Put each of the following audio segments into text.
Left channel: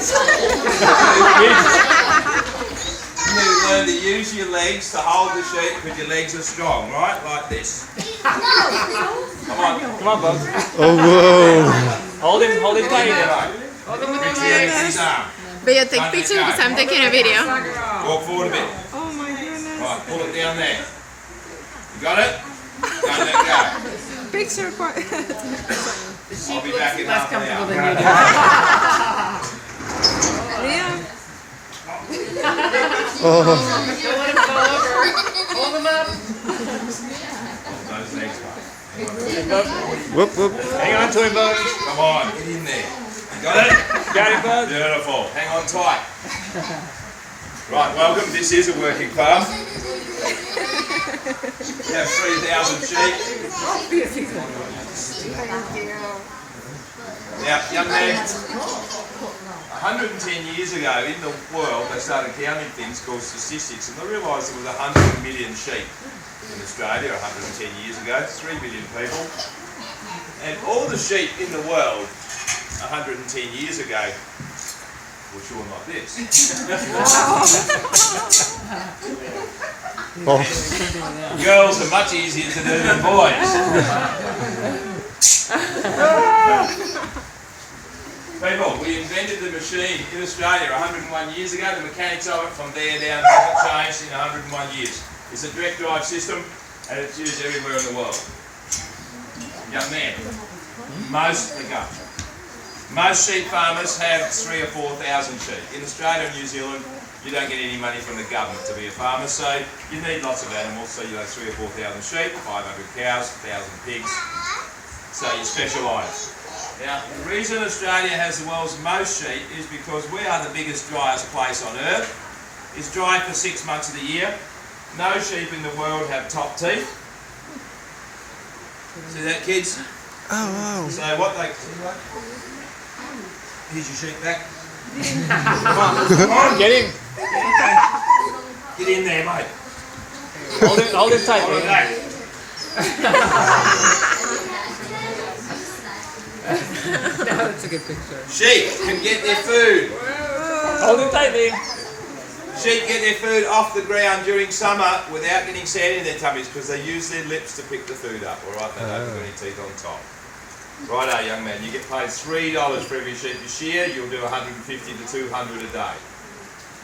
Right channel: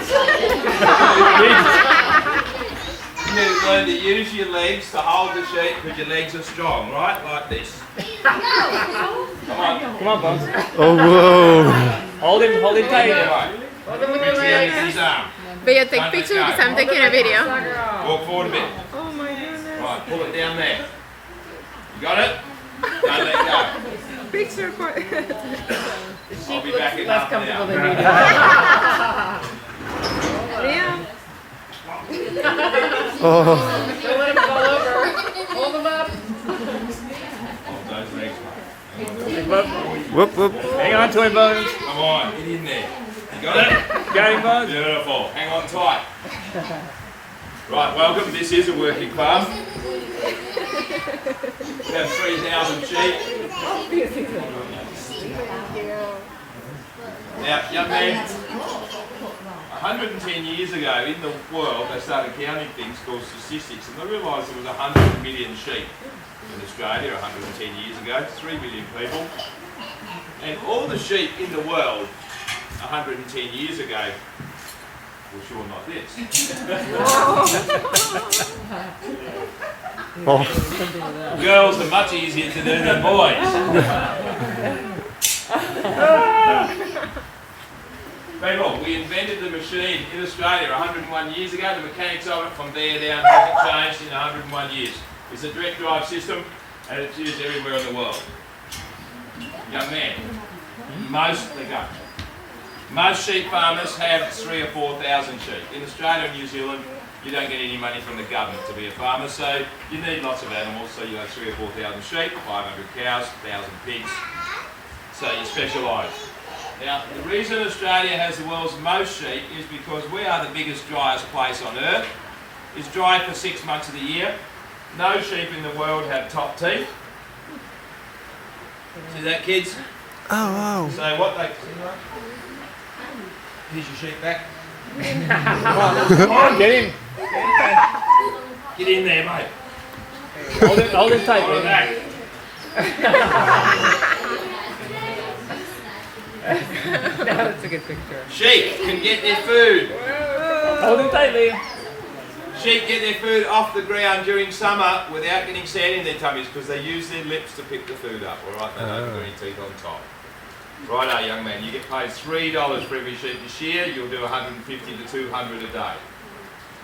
You learn to use your legs to hold the sheep because your legs are strong, right? Like this. Come on, Bob. Oh, whoa. Hold him tight. Reach the end of his arm. But take pictures because I'm taking a video. Walk forward a bit. Oh my goodness. Right, pull it down there. You got it? Don't let go. Picture for I'll be back in half an hour. Liam. Oh. Hold him up. Those legs, mate. Whoop, whoop. Hang on to him, Bud. Come on, get in there. You got it? Got him, Bud. Beautiful. Hang on tight. Right, welcome. This is a working farm. We have 3,000 sheep. Now, young man, 110 years ago in the world they started counting things called statistics, and they realised there was 100 million sheep in Australia 110 years ago, 3 million people. And all the sheep in the world 110 years ago were shorn like this. Oh. Girls are much easier to do than boys. People, we invented the machine in Australia 101 years ago. The mechanics of it from there down hasn't changed in 101 years. It's a direct drive system and it's used everywhere in the world. Young man, most sheep farmers have 3,000 or 4,000 sheep. In Australia and New Zealand, you don't get any money from the government to be a farmer, so you need lots of animals. So you have 3,000 or 4,000 sheep, 500 cows, 1,000 pigs. So you specialise. Now, the reason Australia has the world's most sheep is because we are the biggest, driest place on earth. It's dry for 6 months of the year. No sheep in the world have top teeth. See that, kids? Oh, wow. So what they... Here's your sheep back. Come on, get him. Get in there, mate. Hold him tight. Hold it back. That's a good picture. Sheep can get their food. Hold him tightly. Sheep get their food off the ground during summer without getting sand in their tummies because they use their lips to pick the food up, alright? They don't put any teeth on top. Righto, young man, you get paid $3 for every sheep you shear. You'll do 150 to 200 a day.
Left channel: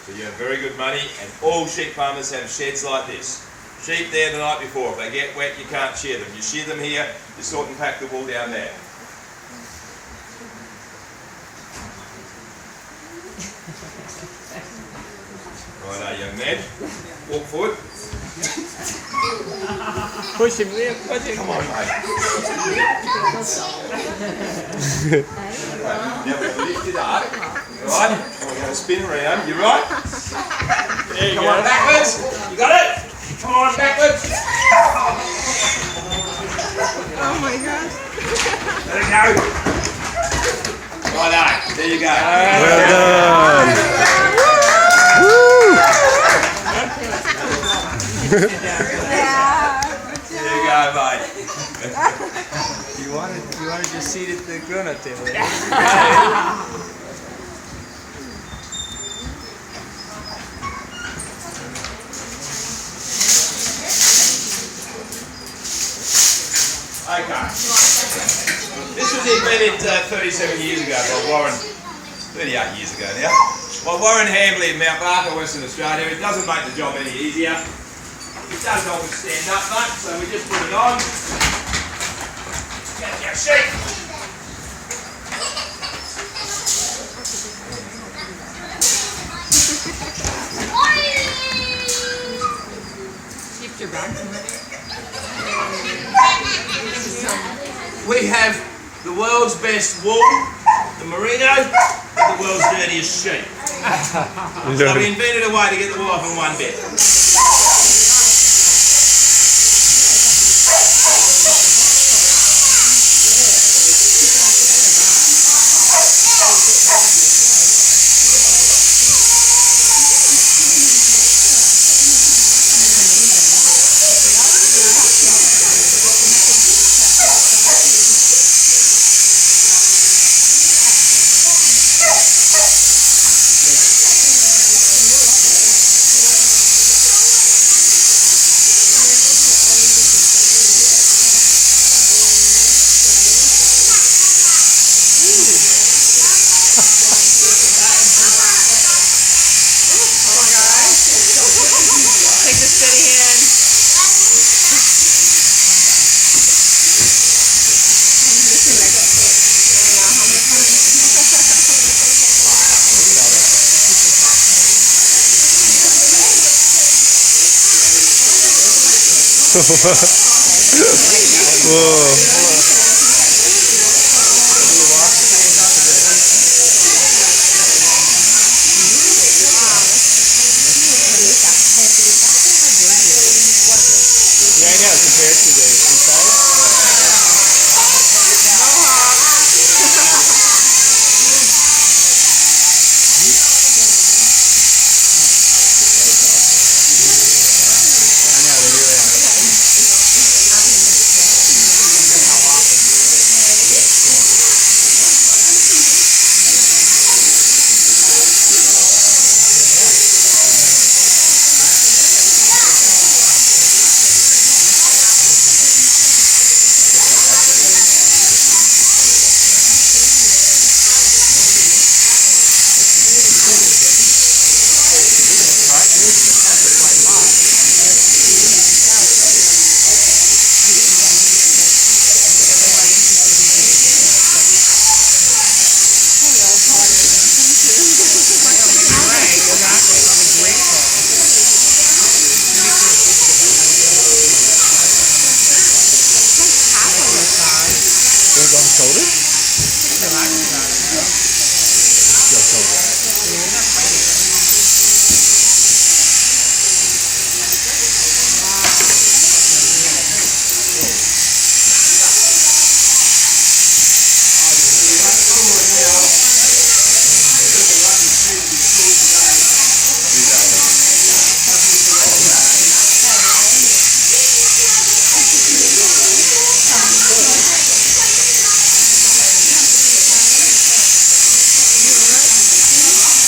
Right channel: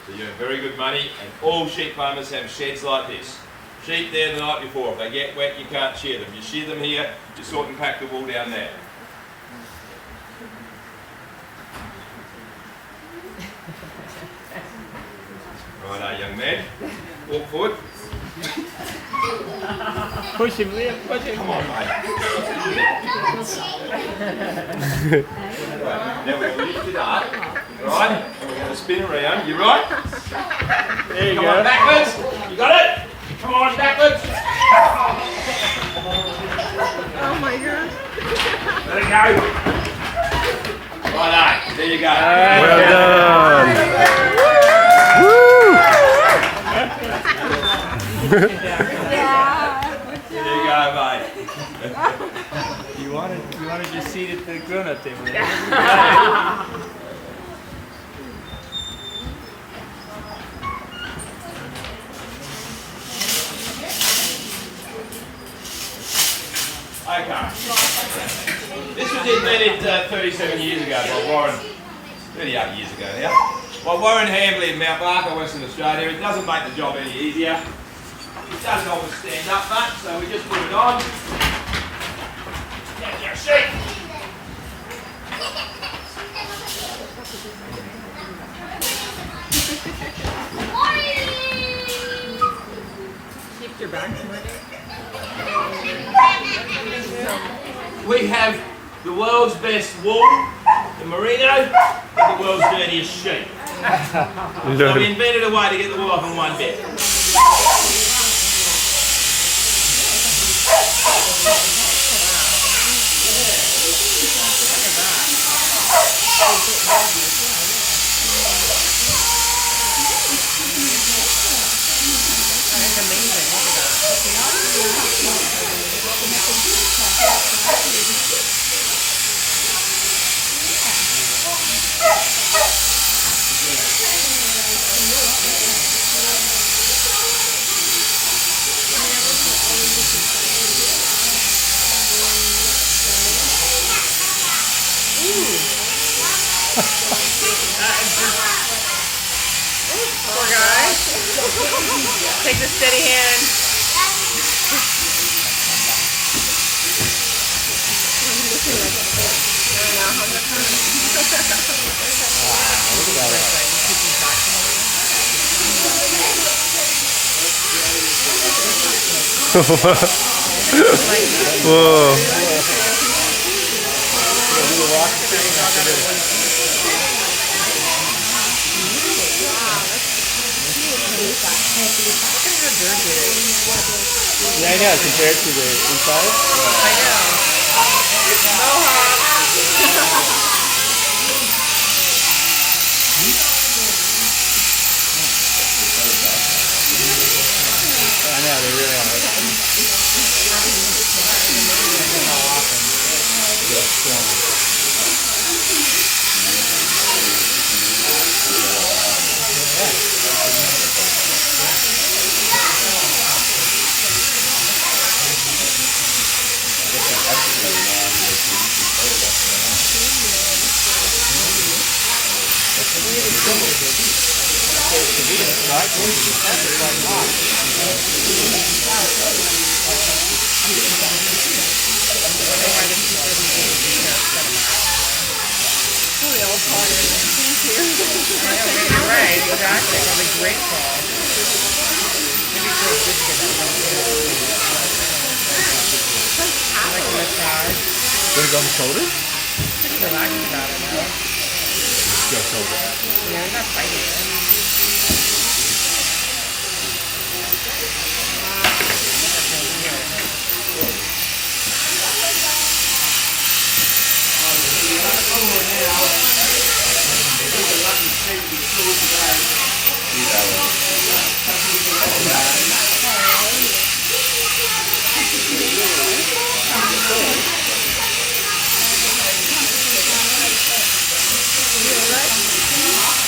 So you have very good money, and all sheep farmers have sheds like this. Sheep there the night before. If they get wet, you can't shear them. You shear them here, you sort and pack the wool down there. Righto, young man. Walk forward. Push him, Liam. Push him. Come on, mate. Now we've lifted up, right? And we're going to spin around. You right? There you Come go. on, backwards. You got it? Come on, backwards. Oh my god. Let it go. Righto. There you go. Well done. Woo! There you go, mate. You wanted your seat at the grown-up table. Okay. This was invented 37 years ago by Warren, 38 years ago now, by Warren Hambley in Mount Barker, Western Australia. It doesn't make the job any easier. It does help it stand up much, so we just put it on. Get your sheep. Keep your back. We have the world's best wool, the merino, and the world's dirtiest sheep. So we invented a way to get the wool off in one bit. Poor guy. Take the steady hand. Whoa. Yeah, I know, compared to the inside. I know, they really are. Right, exactly. Really grateful. Maybe it's really good to get Gonna go on the shoulders? that. Go shoulder. Yeah, that's right here.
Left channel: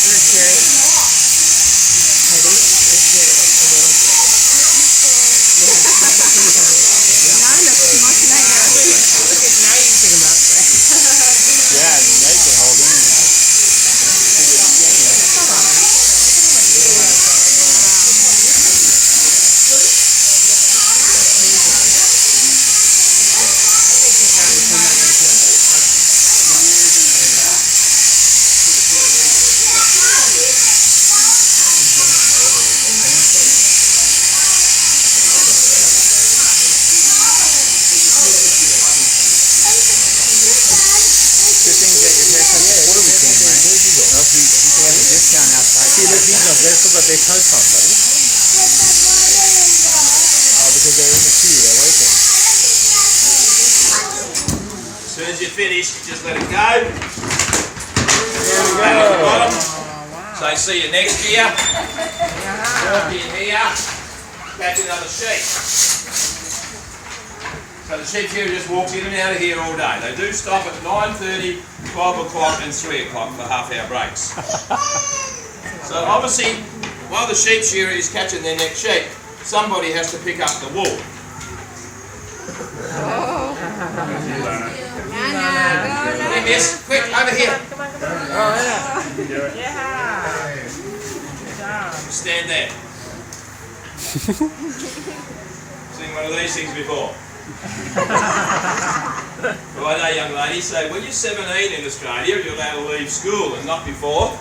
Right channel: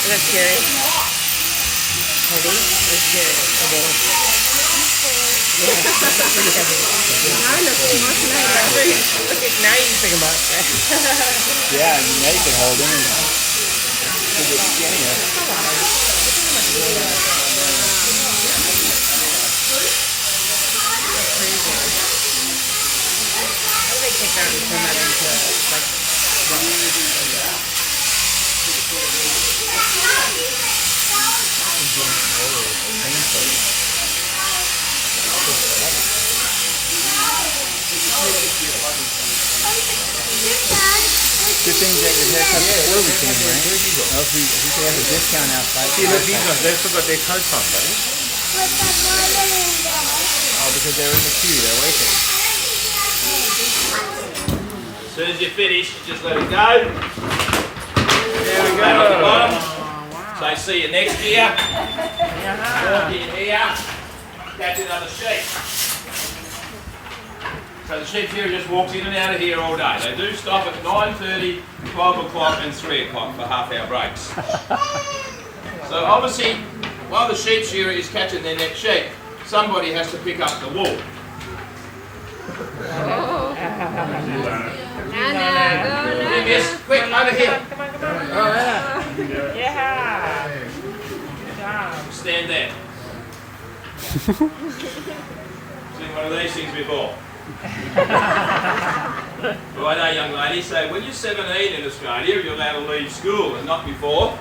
Let's hear it. Ready? Let's hear it. A little. Now you think about it. Yeah, and now you can hold him. They take that and turn it into Good thing you get your haircut before we came, right? Well, if he could have a discount outside. See, look, he's not there, so got their coats on, buddy. Oh, because they're in the queue, they're waiting. As soon as you're finished, just let it go. Pat on the bottom. Say, see you next year. Walk in here. Catch another sheep. So the sheep here just walks in and out of here all day. They do stop at 9:30, 12 o'clock and 3 o'clock for half-hour breaks. So obviously, while the sheep shearer is catching their next sheep, somebody has to pick up the wool. Here, miss, quick, over here. Stand there. Seen one of these things before. Righto, young lady, so when you're 17 in Australia, you're allowed to leave school and not before.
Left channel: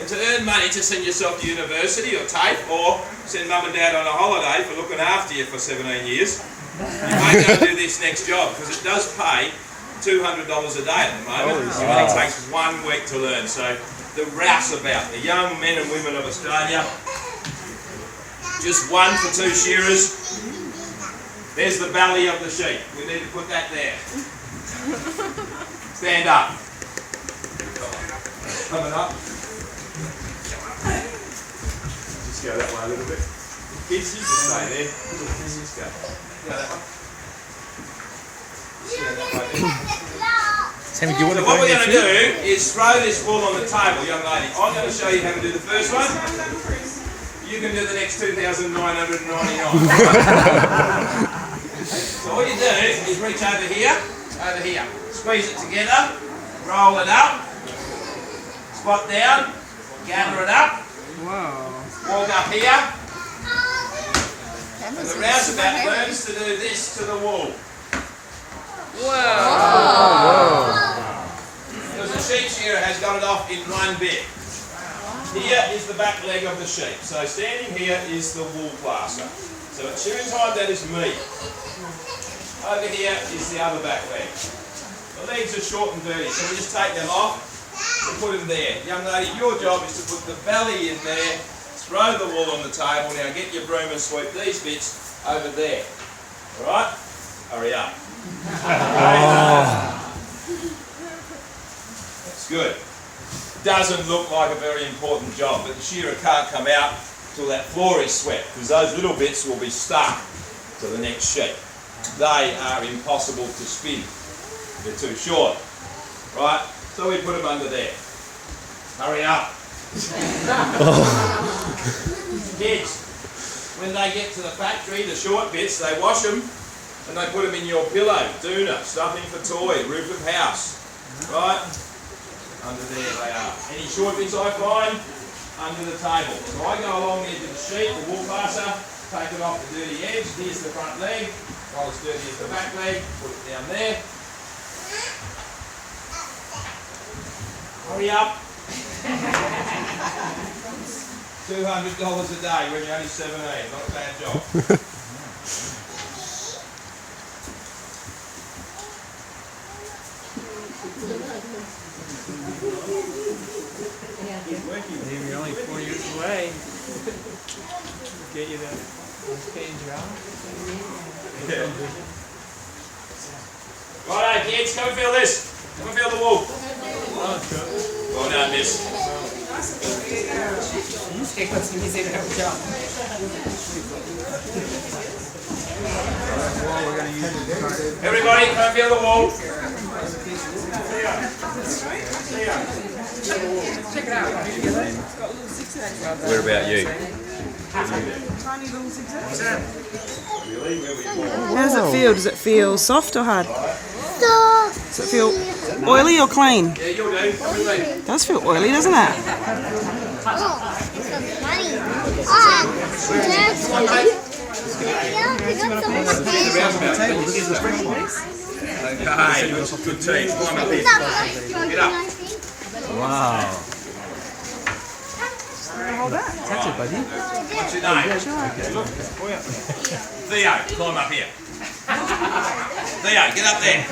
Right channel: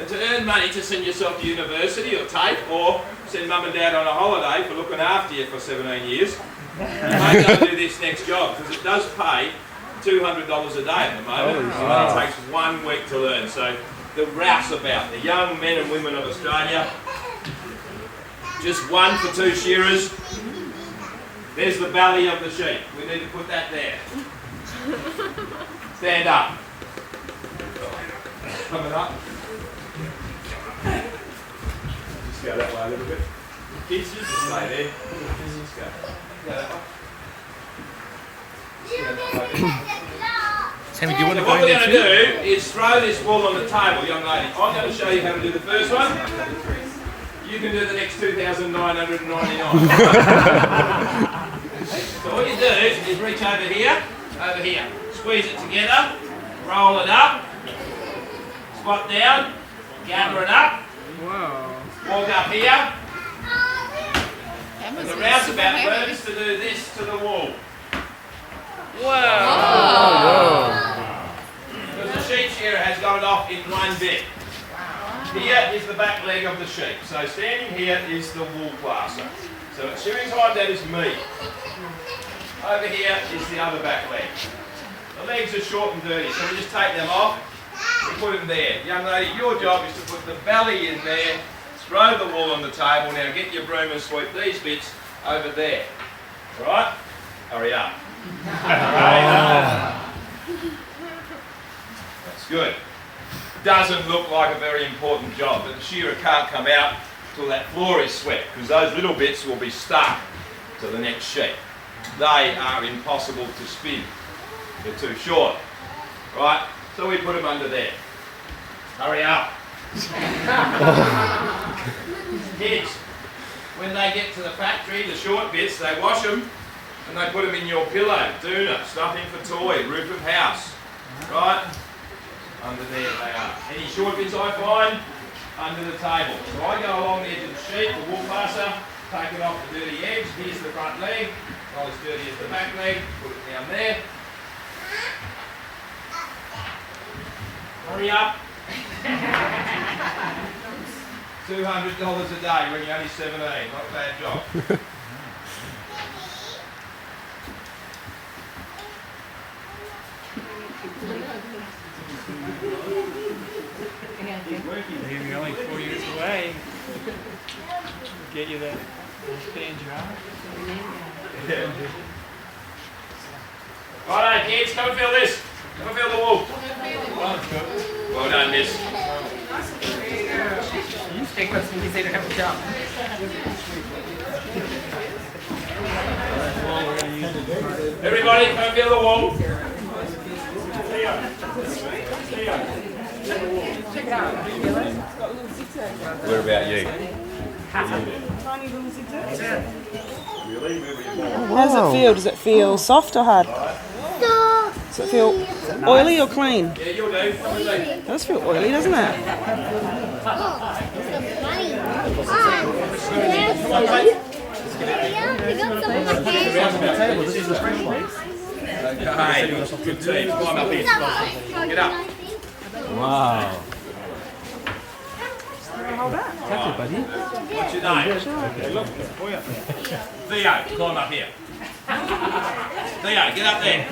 And to earn money to send yourself to university or TAFE or send mum and dad on a holiday for looking after you for 17 years, you may go do this next job because it does pay $200 a day at the moment. It only takes 1 week to learn. So the rouseabout, the young men and women of Australia, just 1 for 2 shearers. There's the belly of the sheep. We need to put that there. Stand up. Coming up. Just go that way a little bit. Kids, you just stay there. Kids, just go. Go that way. Sammy, do you want So to what go we're in going to do is throw this wool on the table, young lady. I'm going to show you how to do the first one. You can do the next 2,999. So all you do is reach over here, squeeze it together, roll it up, Squat down, gather it up, Whoa. walk up here, and the rouseabout learns to do this to the wall. Because the sheep shearer has got it off in one bit. Here is the back leg of the sheep. So standing here is the wool blaster. So at shearing time, that is me. Over here is the other back leg. The legs are short and dirty, so we just take them off and put them there. Young lady, your job is to put the belly in there, throw the wool on the table. Now get your broom and sweep these bits over there. Alright? Hurry up. That's good. Doesn't look like a very important job, but the shearer can't come out till that floor is swept, because those little bits will be stuck to the next sheep. They are impossible to spin. They're too short. Right? So we put them under there. Hurry up. Kids, when they get to the factory, the short bits, they wash them and they put them in your pillow, doona, stuffing for toy, roof of house. Right? Under there they are. Any short bits I find, under the table. So I go along the edge of the sheet, the wool passer, take it off the dirty edge. Here's the front leg, not as dirty as the back leg, put it down there. Hurry up. $200 a day when you're only 17, not a bad job. Maybe only 40 minutes away. Get you that stand job. Righto, kids, come and feel this. Come and feel the wool. Well done, miss. It goes easy to have a job. Everybody, come and feel the wool. Check it out. Do you feel it? What about you? Tiny little zigzags. How does it feel? Does it feel soft or hard? Does it feel oily or clean? Yeah, you'll do. It does feel oily, doesn't it? Okay, good team. Climb up here. Get up. Wow. That's it, buddy. What's your name? Theo, climb up here. Theo, get up there.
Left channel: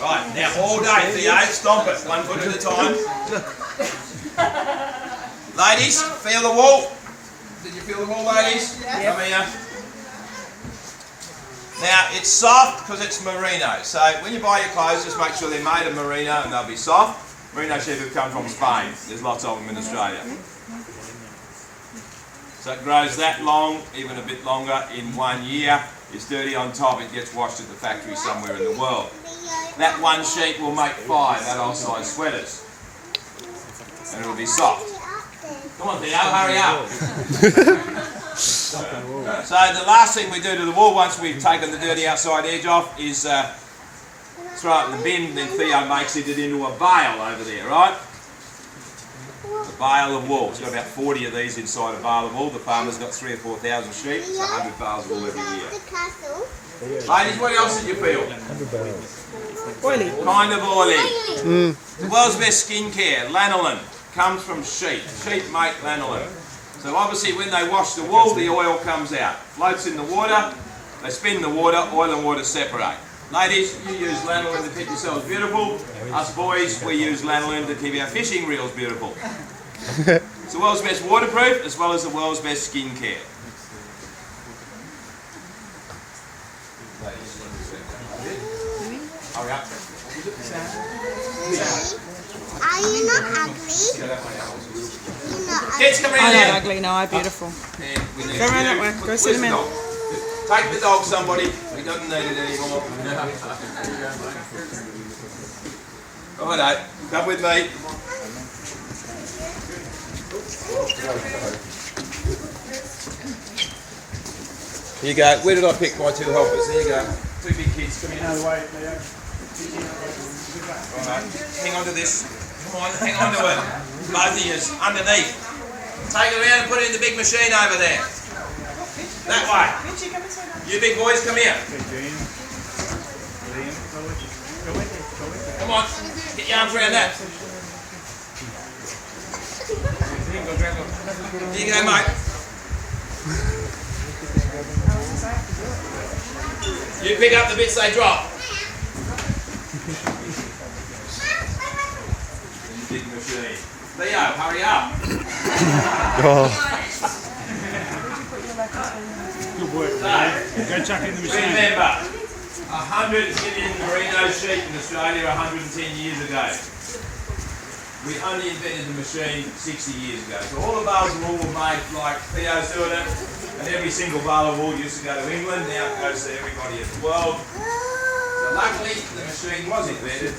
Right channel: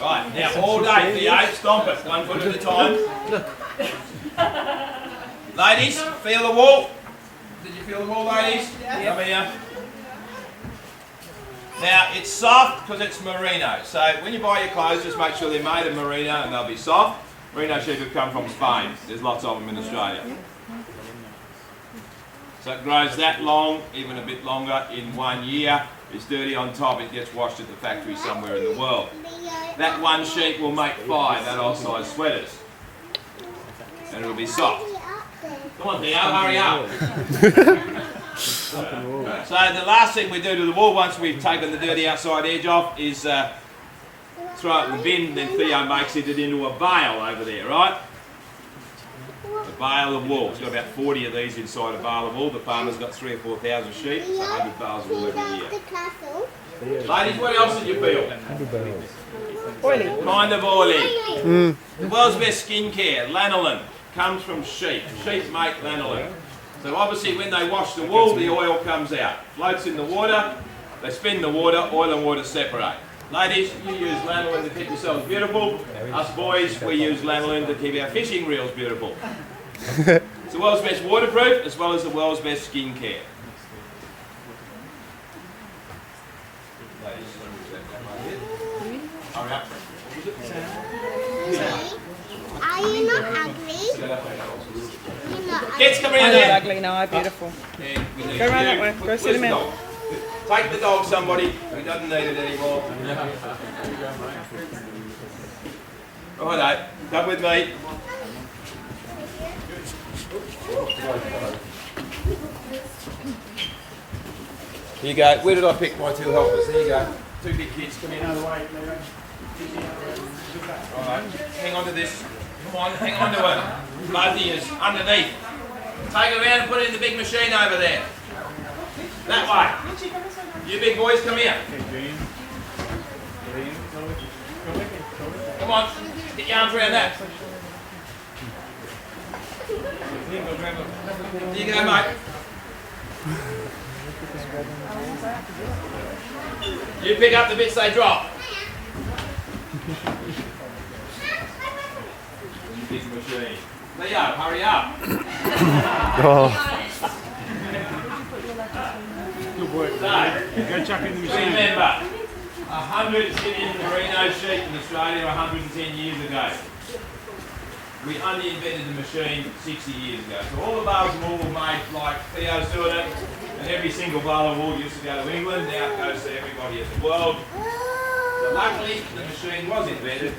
Right, now all day, Theo, stomp it, 1 foot at a time. Ladies, feel the wool. Did you feel the wool, ladies? Come here. Now, it's soft because it's merino. So when you buy your clothes, just make sure they're made of merino and they'll be soft. Merino sheep have come from Spain. There's lots of them in Australia. So it grows that long, even a bit longer, in 1 year. It's dirty on top, it gets washed at the factory somewhere in the world. That one sheep will make 5 adult size sweaters. And it'll be soft. Come on Theo, hurry up. So the last thing we do to the wool once we've taken the dirty outside edge off is throw it in the bin, then Theo makes it into a bale over there, right? A bale of wool. It's got about 40 of these inside a bale of wool. The farmer's got 3,000 or 4,000 sheep. It's 100 bales of wool every year. Ladies, what else did you feel? Oily. Kind of oily. The world's best skincare, lanolin, comes from sheep. Sheep make lanolin. So obviously when they wash the wool, the oil comes out. Floats in the water, they spin the water, oil and water separate. Ladies, you use lanolin to keep yourselves beautiful. Us boys, we use lanolin to keep our fishing reels beautiful. It's the world's best waterproof as well as the world's best skincare. Hurry up. Are you not ugly? Kids, come around I'm here. not ugly, no, I'm beautiful. And we need Go around that you. way. Go Where's sit the him in. dog? Take the dog, somebody. He doesn't need it anymore. Righto, come with me. Here you go. Where did I pick my 2 helpers? There you go. 2 big kids. Come here. Alright, hang on to this. Come on, hang on to it. Both of you, underneath. Take it around and put it in the big machine over there. That way. You big boys, come here. Come on, get your arms around that. Here you go, mate. You pick up the bits they drop. Big machine. Leo, hurry up. Good work. So, Go chuck it in the machine. remember, 100 million merino sheep in Australia 110 years ago. We only invented the machine 60 years ago. So all the bales of wool were made like Theo's doing it, and every single bale of wool used to go to England, now it goes to everybody in the world. So luckily the machine was invented.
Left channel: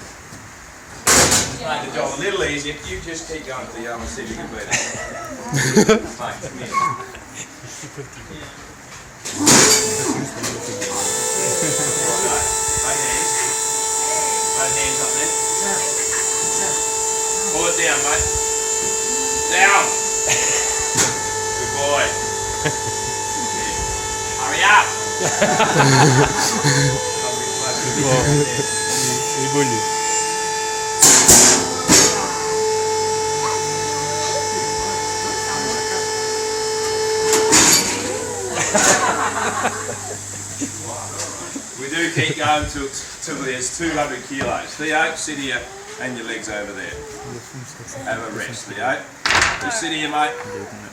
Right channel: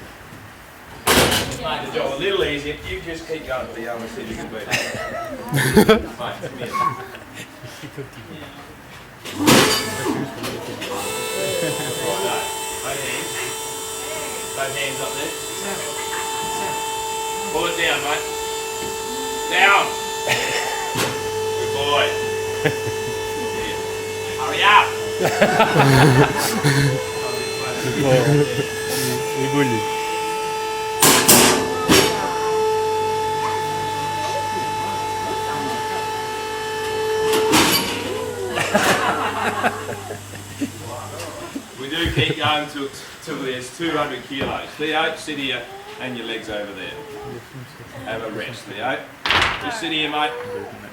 It's made the job a little easier. You just keep going, Theo, and see if you can beat it. Mate, come here. Righto. Both hands. Both hands up there. Pull it down, mate. Down. Good boy. Hurry up. We do keep going till there's 200 kilos. Theo, sit here and your legs over there. Have a rest, Theo. Just sit here, mate.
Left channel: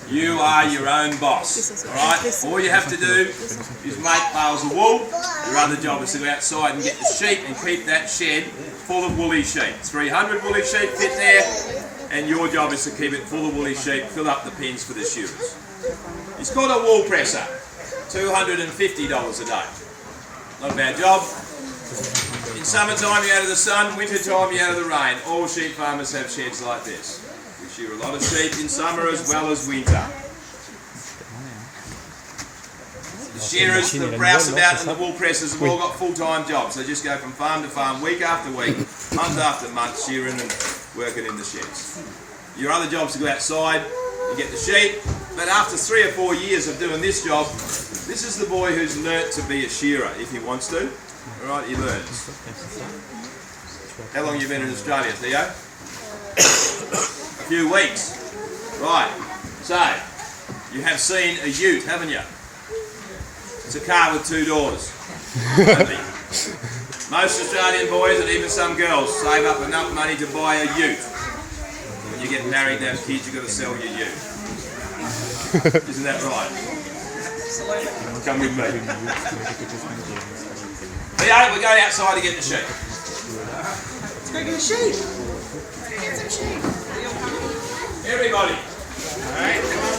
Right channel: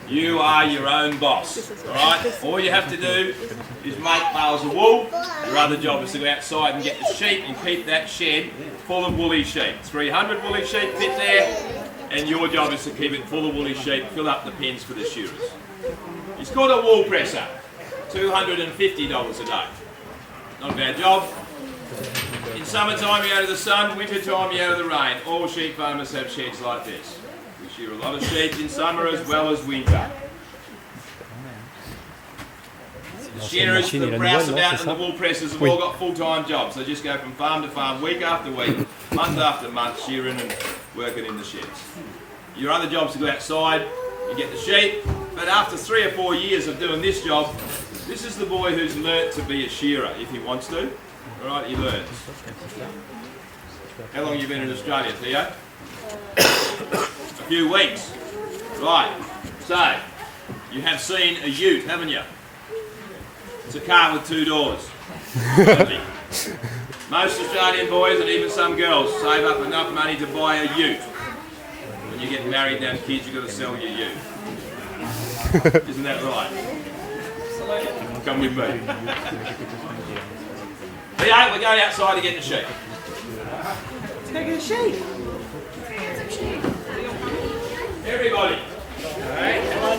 You are your own boss, alright? All you have to do is make bales of wool. Your other job is to go outside and get the sheep and keep that shed full of woolly sheep. 300 woolly sheep fit there, and your job is to keep it full of woolly sheep, fill up the pens for the shearers. It's called a wool presser. $250 a day. Not a bad job. In summertime you're out of the sun, winter time you're out of the rain. All sheep farmers have sheds like this. We shear a lot of sheep in summer as well as winter. The shearers, the rouseabout and the wool pressers have all got full-time jobs. They just go from farm to farm, week after week, month after month, shearing and working in the sheds. Your other job is to go outside and get the sheep, but after 3 or 4 years of doing this job, this is the boy who's learnt to be a shearer if he wants to. Alright, he learns. How long have you been in Australia, Theo? A few weeks. Right, so you have seen a ute, haven't you? It's a car with 2 doors. Most Australian boys and even some girls save up enough money to buy a ute. When you get married and have kids, you've got to sell your ute. Isn't that right? Come with me. Theo, we're going outside to get the sheep. Let's go get a sheep. Everybody. Alright, come on.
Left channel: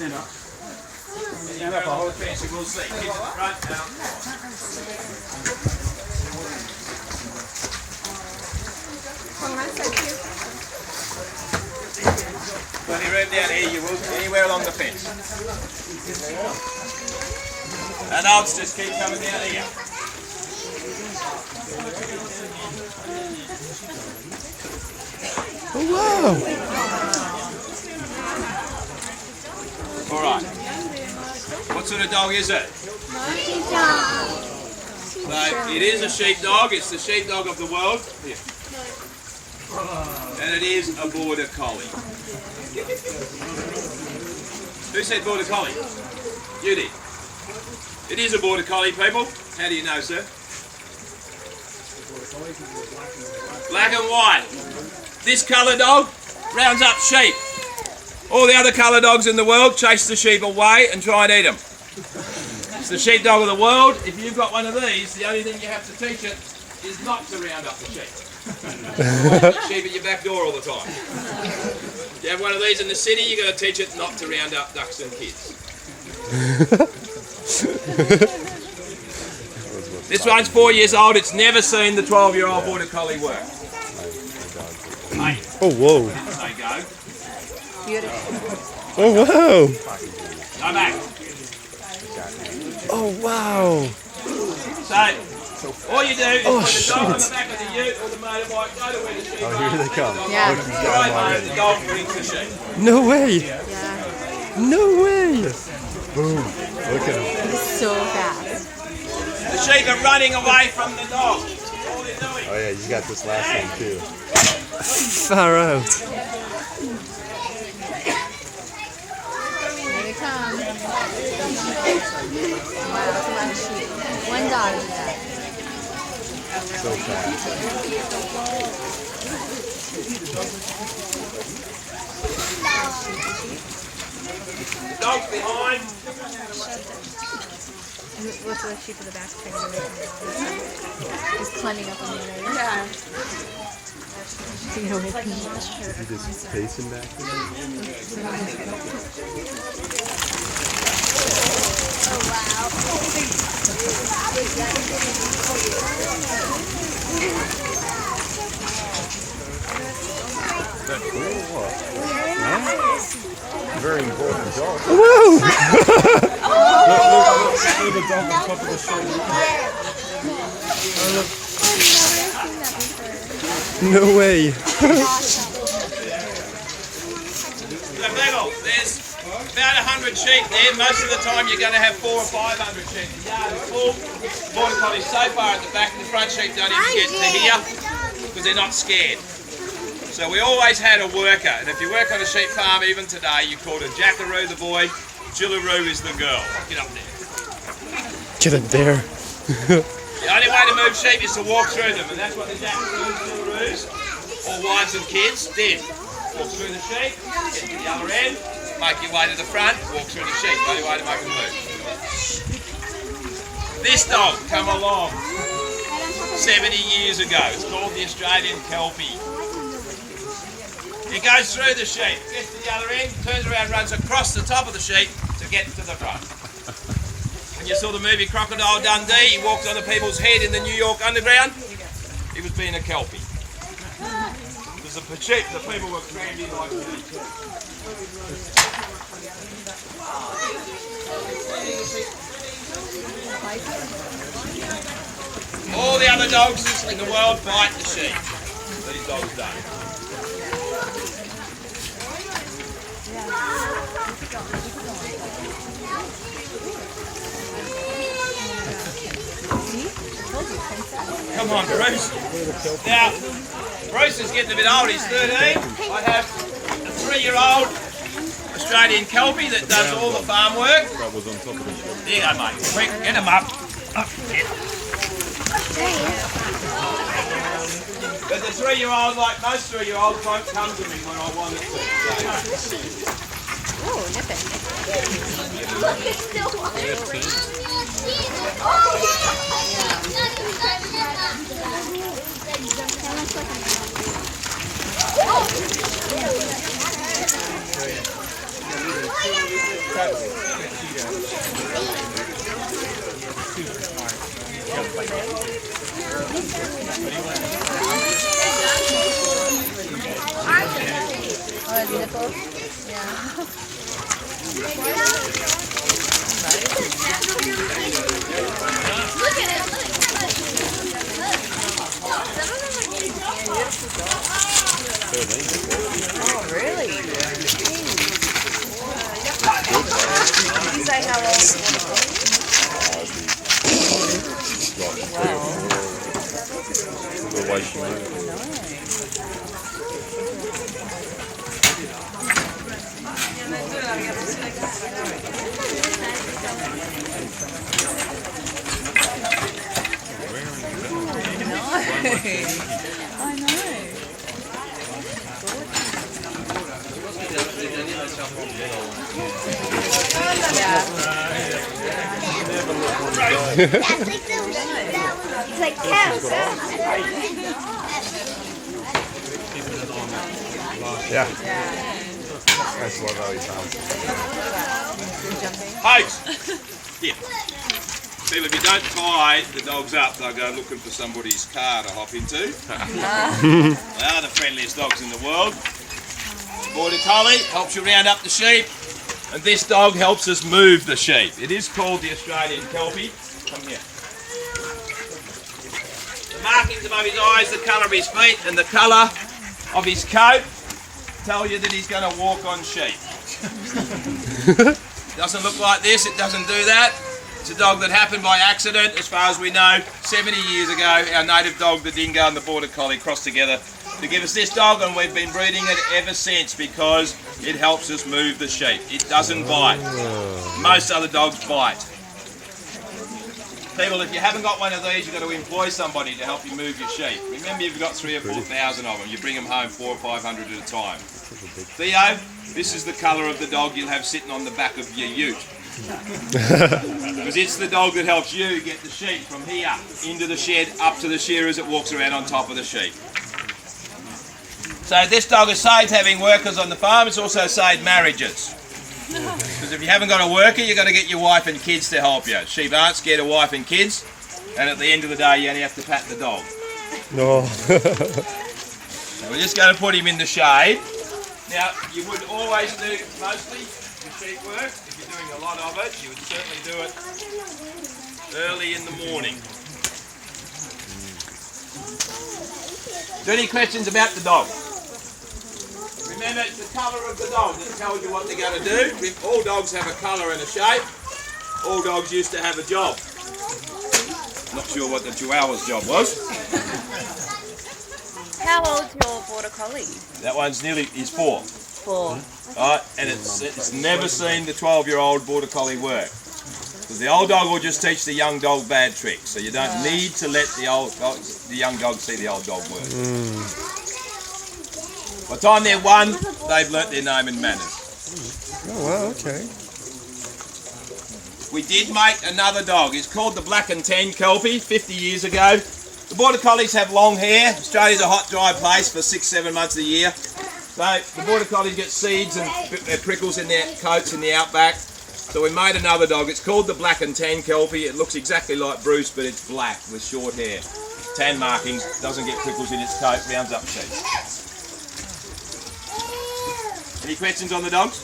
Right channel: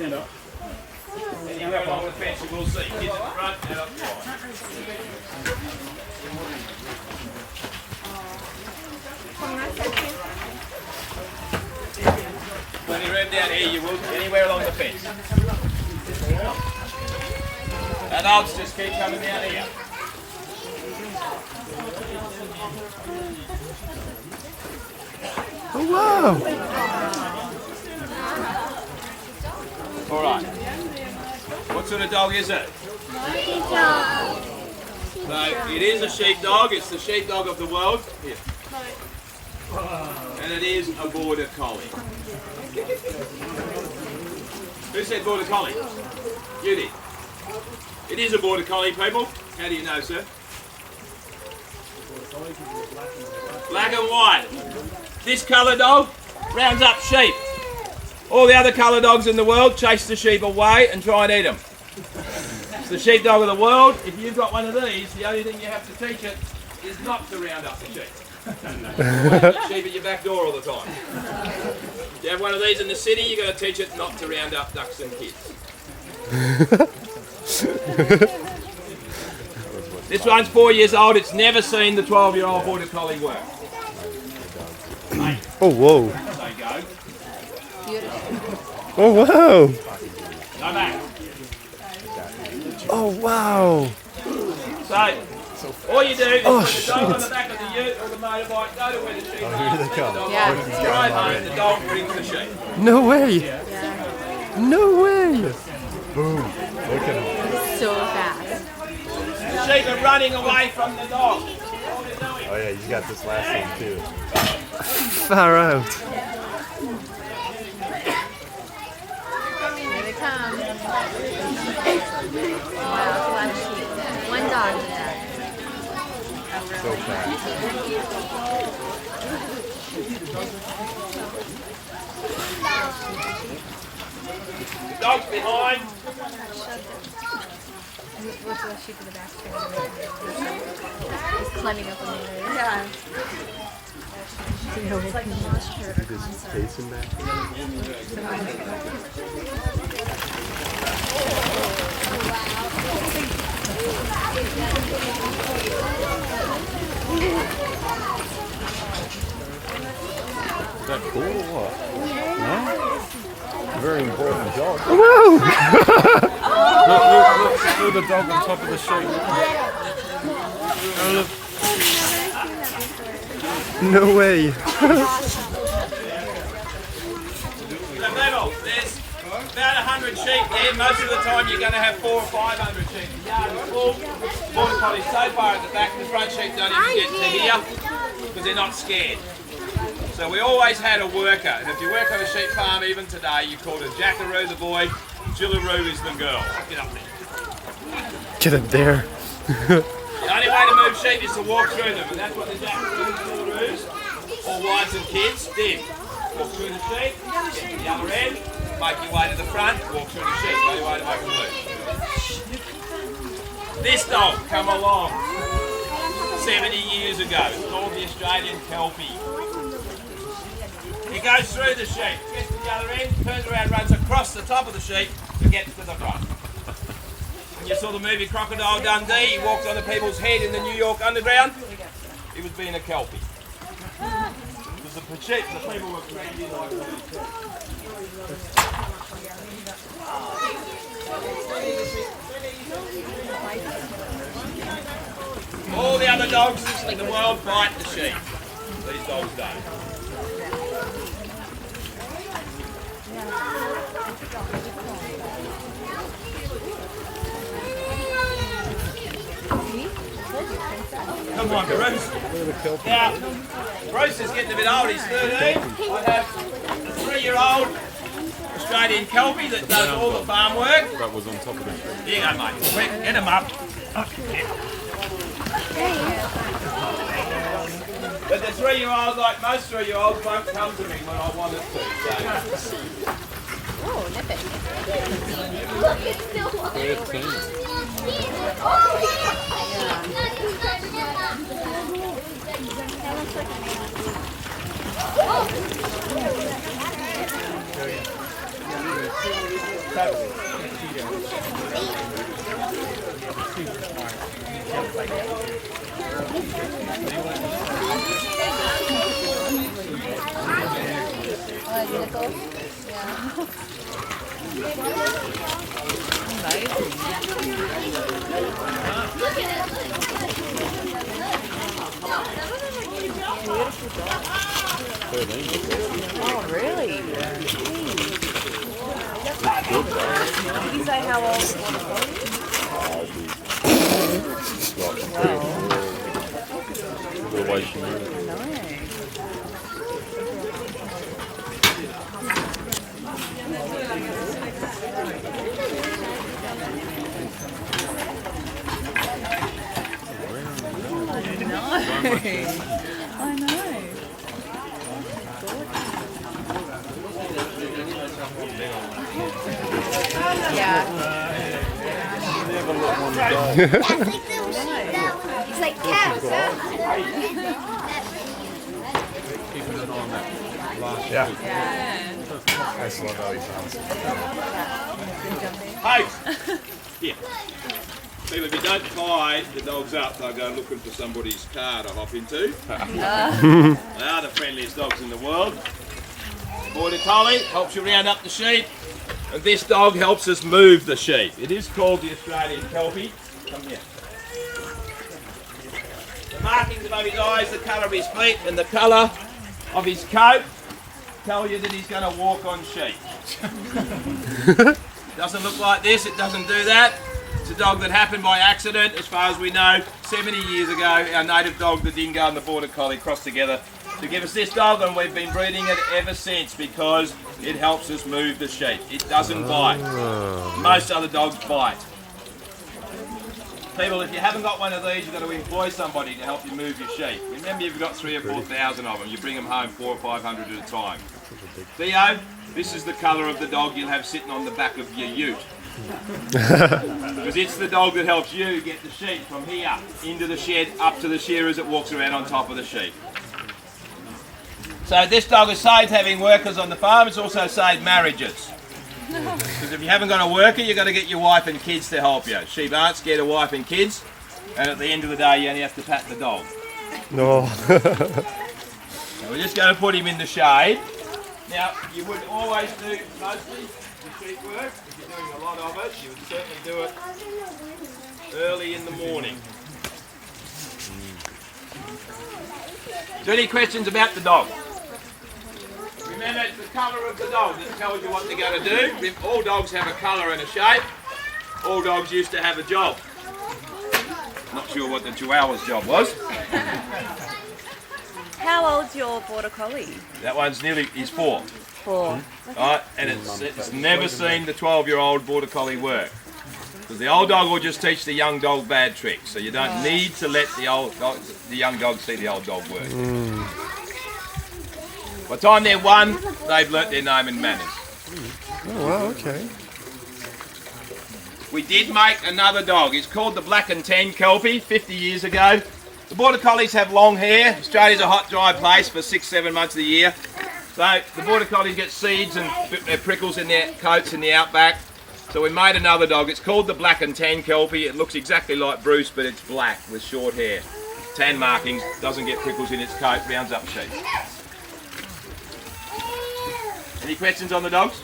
Stand up. You're up on the fence, you will see. Kids at the front, out up the Plenty of room down here, you will, anywhere along the fence. Adults, just keep coming down here. Oh, wow. All right. What sort of dog is it? So it is a sheepdog. It's the sheepdog of the world. Here. And it is a border collie. Who said border collie? You did. It is a border collie, people. How do you know, sir? Black and white. This colour dog rounds up sheep. All the other colour dogs in the world chase the sheep away and try and eat them. It's the sheepdog of the world. If you've got one of these, the only thing you have to teach it is not to round up the sheep. You sheep at your back door all the time. You have one of these in the city, you've got to teach it not to round up ducks and kids. This one's 4 years old, it's never seen the 12-year-old border collie work. Hey, Oh, whoa. they go. Oh, wow. Go back. Oh, wow. So, all you do is put the dog on the back of the ute or the motorbike, go to where the sheep are. Here they come. Right home, the dog brings the sheep. No way. No way. Boom. Look at him. So fast. The sheep are running away from the dog. All they're doing. Oh, yeah, he's got this last one, too. Far out. Here they come. One dog. So fast. The dog's behind. What's the sheep in the back? He's climbing up on the He's just pacing back. Is that cool or what? Yeah? Very important dog. Whoa! Look at the dog on top of the sheep. No way. So people, there's about 100 sheep there. Most of the time you're going to have 400 or 500 sheep. The yard is full. Border collies so far at the back, the front sheep don't even get to here because they're not scared. So we always had a worker, and if you work on a sheep farm even today, you called a Jackaroo the boy, Jillaroo is the girl. Get up there. Get up there. The only way to move sheep is to walk through them, and that's what the Jackaroos, Jillaroos, or wives and kids did. Walk through the sheep, get to the other end, make your way to the front, walk through the sheep. Only way to make them move. This dog come along 70 years ago. It's called the Australian Kelpie. It goes through the sheep, gets to the other end, turns around, runs across the top of the sheep to get to the front. When you saw the movie Crocodile Dundee, he walked on the people's head in the New York Underground. He was being a Kelpie. Because the sheep, the people were crammed in like this. All the other dogs in the world bite the sheep. These dogs don't. Come on, Bruce. Now, Bruce is getting a bit old. He's 13. I have a 3-year-old Australian Kelpie that does all the farm work. That was on top of the sheep. There you go, mate. Quick, get him up. Up, get him. But the 3-year-old, like most 3-year-olds, won't come to me when I want it to. So. Oh, look at it. Look, it's still alive. Look at it. Oh, really? He's like Otherwise she knew. It's like cows. Yeah. That's what I was. Hogs! Here. People, if you don't tie the dogs up, they'll go looking for somebody's car to hop into. They are the friendliest dogs in the world. Border Collie helps you round up the sheep, and this dog helps us move the sheep. It is called the Australian Kelpie. Come here. The markings above his eyes, the colour of his feet, and the colour of his coat tell you that he's going to walk on sheep. Doesn't look like this, it doesn't do that. It's a dog that happened by accident, as far as we know. 70 years ago, our native dog, the Dingo, and the Border Collie crossed together to give us this dog, and we've been breeding it ever since because it helps us move the sheep. It doesn't bite. Most other dogs bite. People, if you haven't got one of these, you've got to employ somebody to help you move your sheep. Remember, you've got 3,000 or 4,000 of them. You bring them home 400 or 500 at a time. Theo, this is the colour of the dog you'll have sitting on the back of your ute. Because it's the dog that helps you get the sheep from here into the shed, up to the shearer as it walks around on top of the sheep. So this dog has saved having workers on the farm. It's also saved marriages. Because if you haven't got a worker, you've got to get your wife and kids to help you. Sheep aren't scared of wife and kids, and at the end of the day, you only have to pat the dog. No. So we're just going to put him in the shade. Now, you would always do mostly the sheep work. If you're doing a lot of it, you would certainly do it early in the morning. Is there any questions about the dog? Remember, it's the colour of the dog that tells you what they're going to do. If all dogs have a colour and a shape, all dogs used to have a job. Not sure what the Chihuahua's job was. How old's your Border Collie? That one's he's 4. 4. Right, and it's never seen the 12-year-old Border Collie work. Because the old dog will just teach the young dog bad tricks. So you don't need to let the young dog see the old dog work. By the time they're 1, they've learnt their name and manners. Oh, wow, okay. We did make another dog. It's called the Black and Tan Kelpie 50 years ago. The Border Collies have long hair. Australia's a hot, dry place for 6-7 months of the year. So the Border Collies get seeds and prickles in their coats in the outback. So we made another dog. It's called the Black and Tan Kelpie. It looks exactly like Bruce, but it's black with short hair. Tan markings, doesn't get prickles in its coat, rounds up sheep. Any questions on the dogs?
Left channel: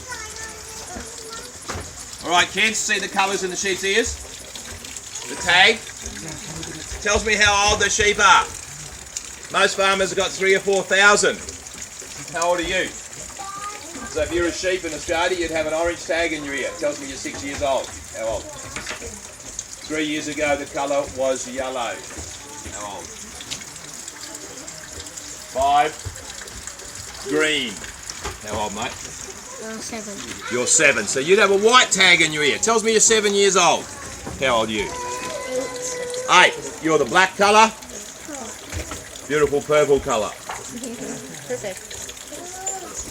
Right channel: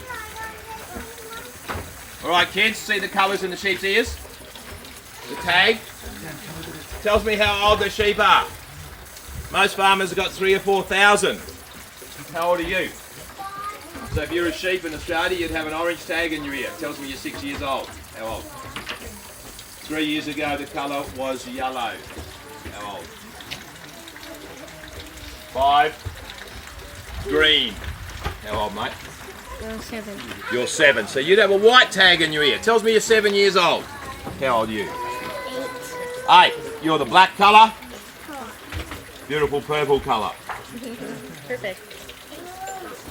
All right, kids, see the colours in the sheep's ears? The tag tells me how old the sheep are. Most farmers have got 3,000 or 4,000. How old are you? So if you're a sheep in Australia, you'd have an orange tag in your ear. It tells me you're 6 years old. How old? 3 years ago, the colour was yellow. How old? 5. Green. How old, mate? 7. You're 7. So you'd have a white tag in your ear. It tells me you're 7 years old. How old are you? 8. You're the black colour. Beautiful purple colour.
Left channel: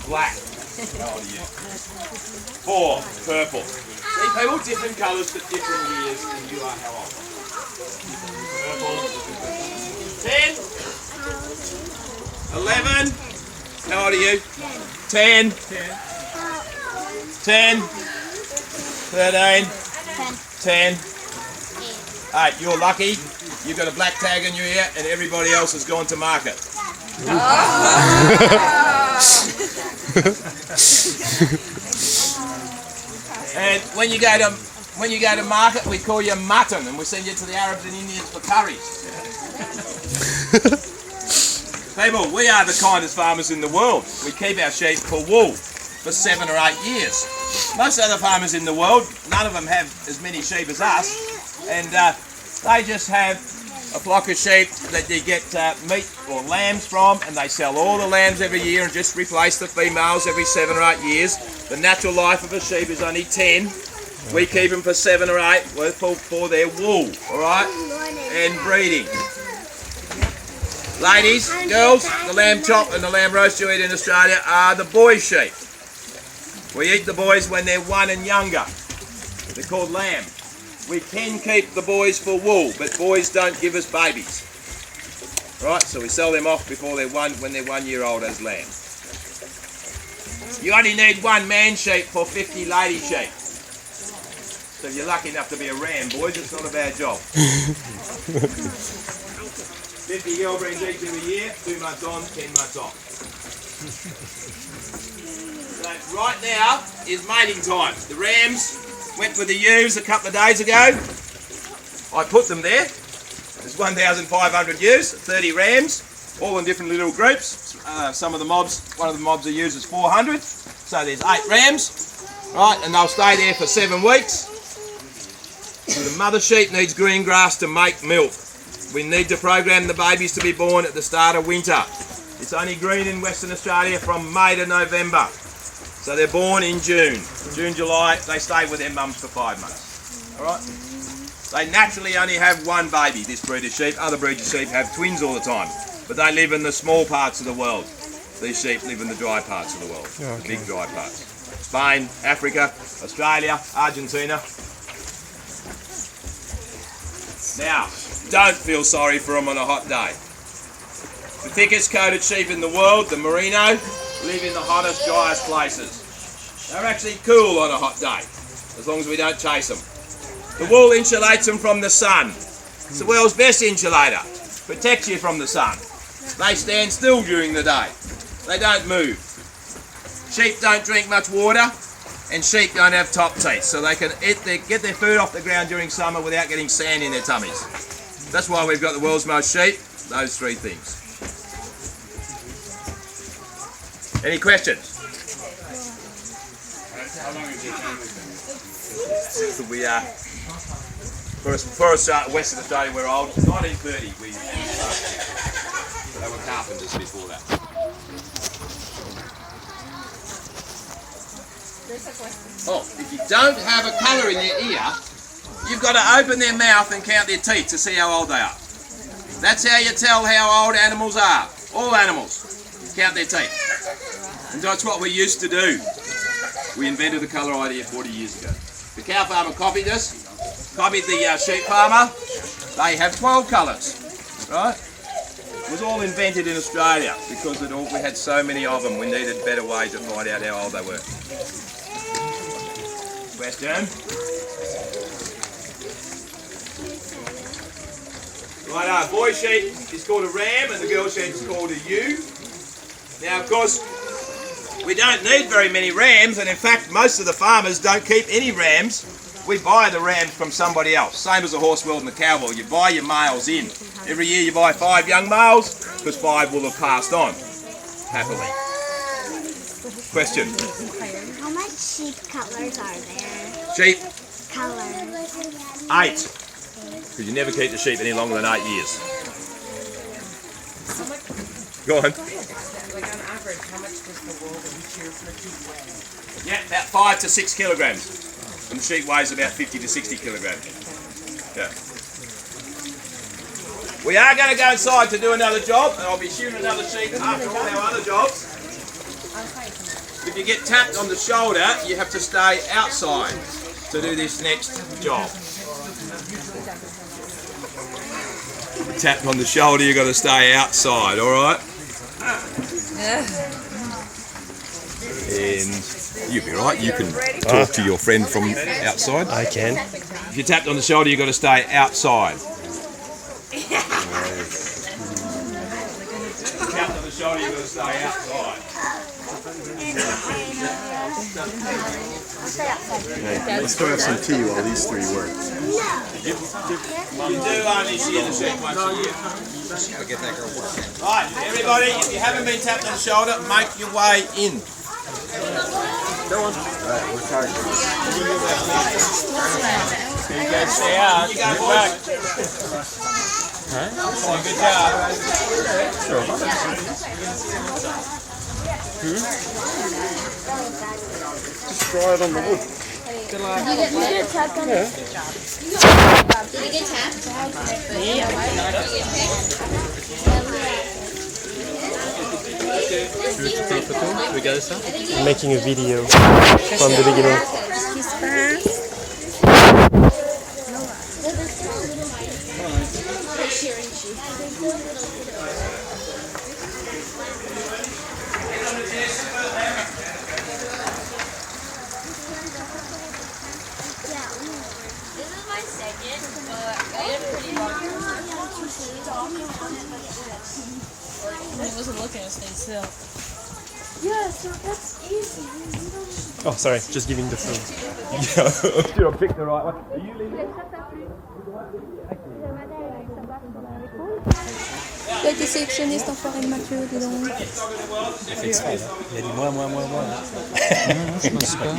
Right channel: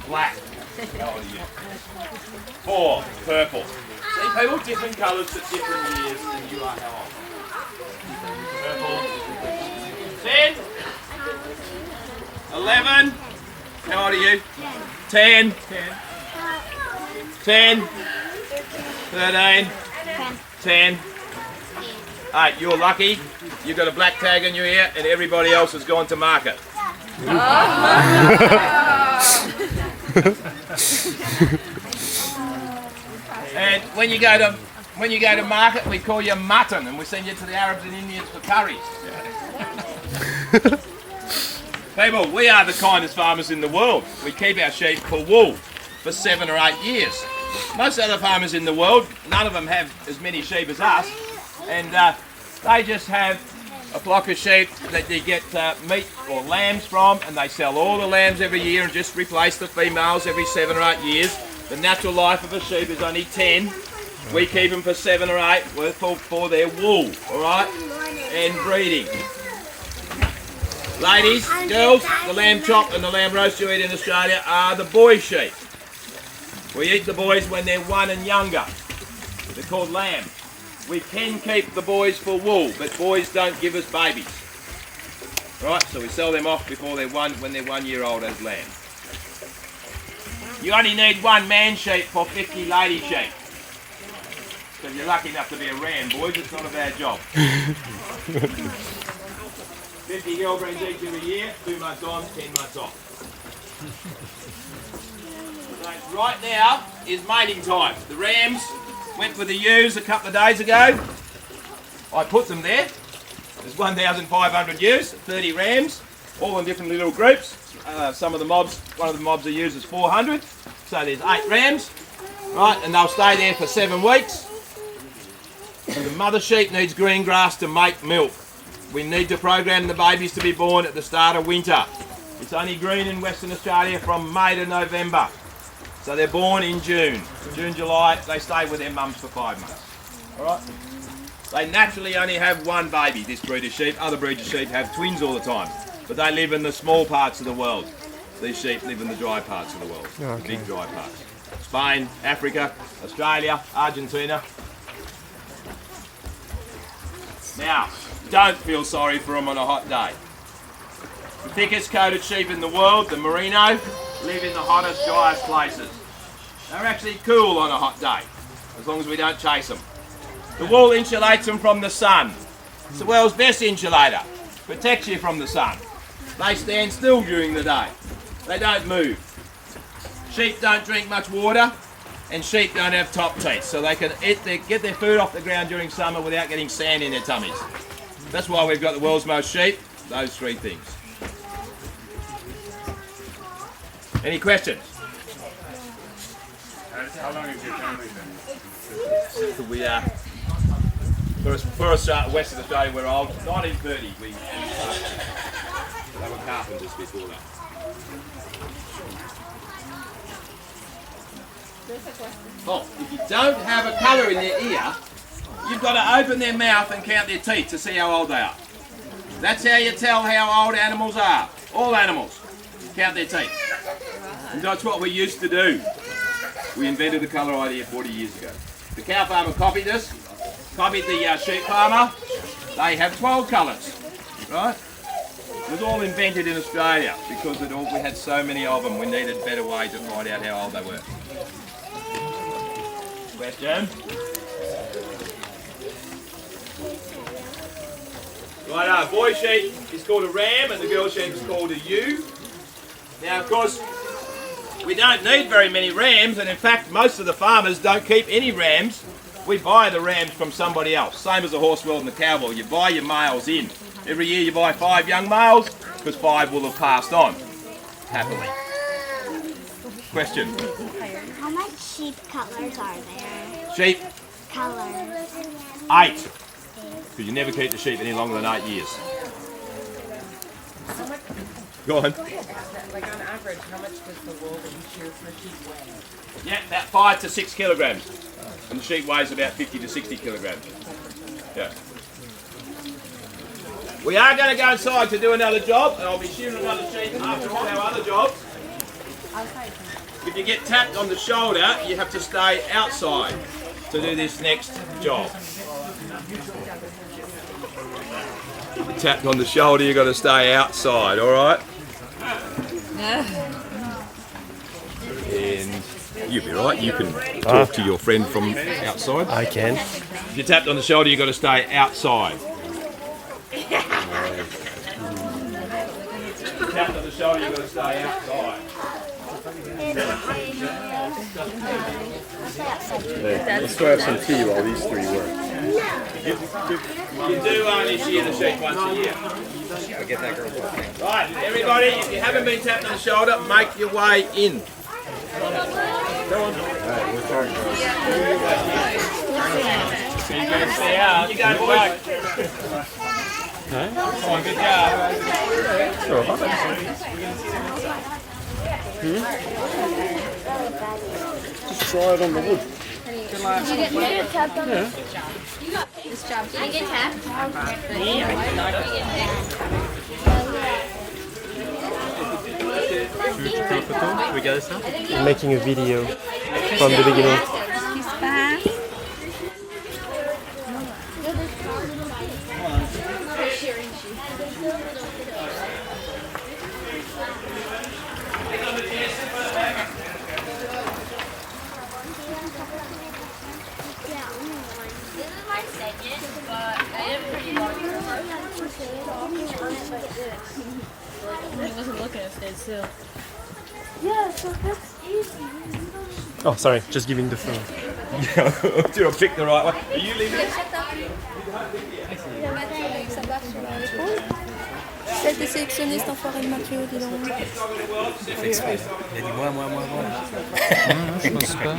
Black. How old are you? 4. Purple. See, people, different colours but different years, and you are how old? Purple. 10. 11. How old are you? 10. 10. 13. 10. 8. You're lucky. You've got a black tag in your ear, and everybody else has gone to market. And when you go to market, we call you mutton, and we send you to the Arabs and Indians for curries. People, we are the kindest farmers in the world. We keep our sheep for wool for 7 or 8 years. Most other farmers in the world, none of them have as many sheep as us, and they just have a flock of sheep that they get meat or lambs from, and they sell all the lambs every year and just replace the females every 7 or 8 years. The natural life of a sheep is only 10. We keep them for 7 or 8 for their wool, all right, and breeding. Ladies, girls, the lamb chop and the lamb roast you eat in Australia are the boy sheep. We eat the boys when they're 1 and younger. They're called lamb. We can keep the boys for wool, but boys don't give us babies. Right, so we sell them off before when they're 1 year old as lamb. You only need one man sheep for 50 lady sheep. So if you're lucky enough to be a ram, boys, it's not a bad job. 50 girl brings each every year, 2 months on, 10 months off. So right now is mating time. The rams went with the ewes a couple of days ago. I put them there. There's 1,500 ewes, 30 rams, all in different little groups. Some of the mobs, one of the mobs are used is 400. So there's 8 rams, right, and they'll stay there for 7 weeks. The mother sheep needs green grass to make milk. We need to program the babies to be born at the start of winter. It's only green in Western Australia from May to November. So they're born in June. June, July, they stay with their mums for 5 months. All right? They naturally only have one baby, this breed of sheep. Other breeds of sheep have twins all the time. But they live in the small parts of the world. These sheep live in the dry parts of the world. Okay. The big dry parts. Spain, Africa, Australia, Argentina. Now, don't feel sorry for them on a hot day. The thickest coated sheep in the world, the merino, live in the hottest, driest places. They're actually cool on a hot day, as long as we don't chase them. The wool insulates them from the sun. It's the world's best insulator. Protects you from the sun. They stand still during the day. They don't move. Sheep don't drink much water, and sheep don't have top teeth, so they can get their food off the ground during summer without getting sand in their tummies. That's why we've got the world's most sheep, those 3 things. Any questions? How long has your family been? We are, for Western Australia, we're old. 1930, we started. They were carpenters before that. Oh, if you don't have a colour in their ear, you've got to open their mouth and count their teeth to see how old they are. That's how you tell how old animals are. All animals. Count their teeth. And that's what we used to do. We invented the colour idea 40 years ago. The cow farmer copied us, copied the sheep farmer. They have 12 colours, right? It was all invented in Australia because we had so many of them. We needed better ways to find out how old they were. Question? Right, our boy sheep is called a ram and the girl sheep is called a ewe. Now, of course, we don't need very many rams, and in fact, most of the farmers don't keep any rams. We buy the rams from somebody else. Same as the horse world and the cow world. You buy your males in. Every year you buy 5 young males, because 5 will have passed on, happily. Question? How much sheep colours are there? Sheep? Colours. 8. Because you never keep the sheep any longer than 8 years. Go on. Like on average, how much does the wool that you shear per sheep weigh? Yeah, about 5 to 6 kilograms. And the sheep weighs about 50 to 60 kilograms. Yeah. We are going to go inside to do another job, and I'll be shooting another sheep after all our other jobs. If you get tapped on the shoulder, you have to stay outside to do this next job. If you're tapped on the shoulder, you've got to stay outside, all right? And you'll be all right. You can talk to your friend from outside. I can. If you're tapped on the shoulder, you've got to stay outside. If you're tapped on the shoulder, you've got to stay outside. Let's go have some tea while these 3 work. You do only shear the sheep once a year. I'll get that girl working. Right, everybody, if you haven't been tapped on the shoulder, make your way in. Go on. Alright, we're starting. You guys stay out. You go, boys. Come on, good job. Just try it on the wood. You get tapped on the You get tapped? I'm making a video from the beginning. Shearing This is my second, but I am pretty well. He wasn't looking at it still. Yeah, so that's easy. Oh, sorry, just giving the phone. Did I pick the right one? Are you leaving it? été sélectionné cet enfoiré de Mathieu, dis donc. Il a dit moi. Non, je pense pas.